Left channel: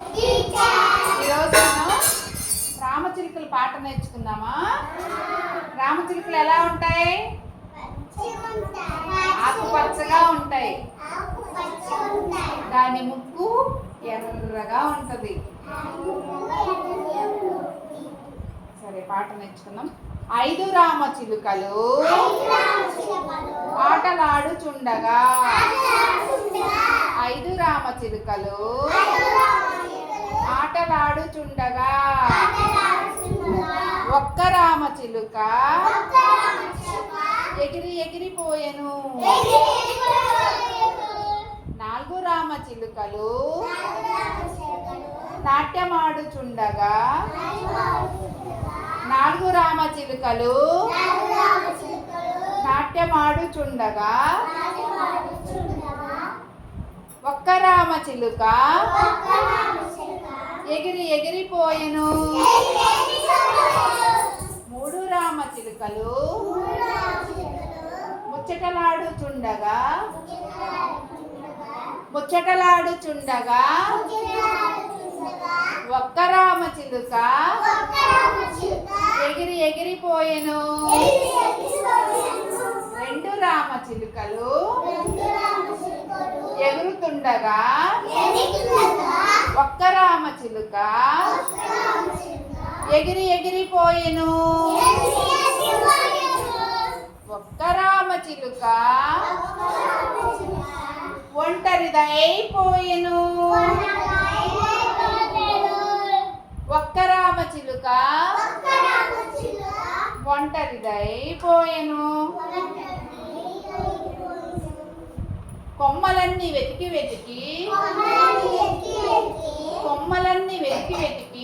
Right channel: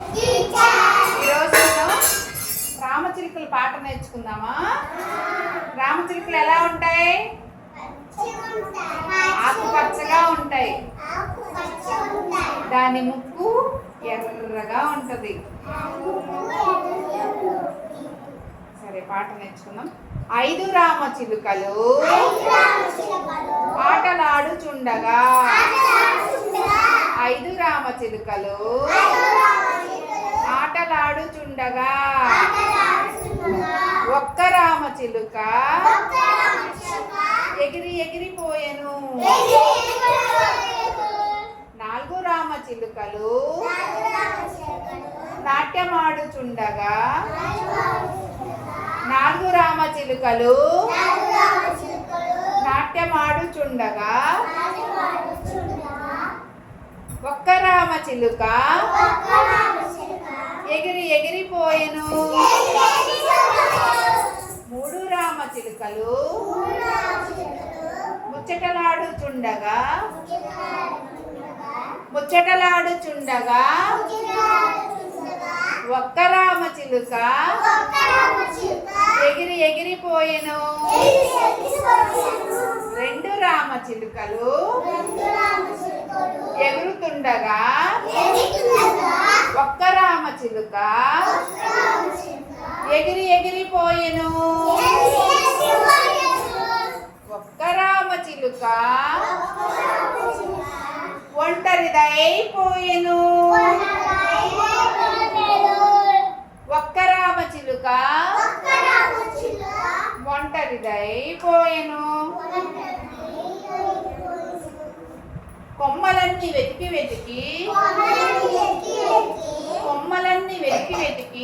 ఈరోజు మనం రామచిలుకల పాట నేర్చుకుందామా? రామచిలుకలు ఎలా ఉంటాయి? ఆకుపచ్చగా ఉంటాయి. దాని ముక్కు ఎర్రగా ఉంటది. సరే, పాట నేర్చుకుందాం. 5 రామచిలుకలు ఆటలాడుచుండగా, 5 రామచిలుకలు ఆటలాడుచుండగా, ఒక్క రామచిలుక ఎగిరి ఎగిరిపోయెను. 4 రామచిలుకలు నాట్యమాడుచుండగా, 4 రామచిలుకలు నాట్యమాడుచుండగా, ఒక్క రామచిలుక ఎగిరి ఎగిరిపోయెను. 3 రామచిలుకలు ముచ్చటలాడుచుండగా, ఒక్క రామచిలుక ఎగిరి ఎగిరిపోయెను. 2 రామచిలుకలు ఎగురుతుండగా, ఒక్క రామచిలుక ఎగిరి ఎగిరిపోయెను. ఒక్క రామచిలుక ఒంటరిదైపోయెను. ఒక్క రామచిలుక ఒంటరిదైపోయెను. కొమ్మలన్నీ వెతికి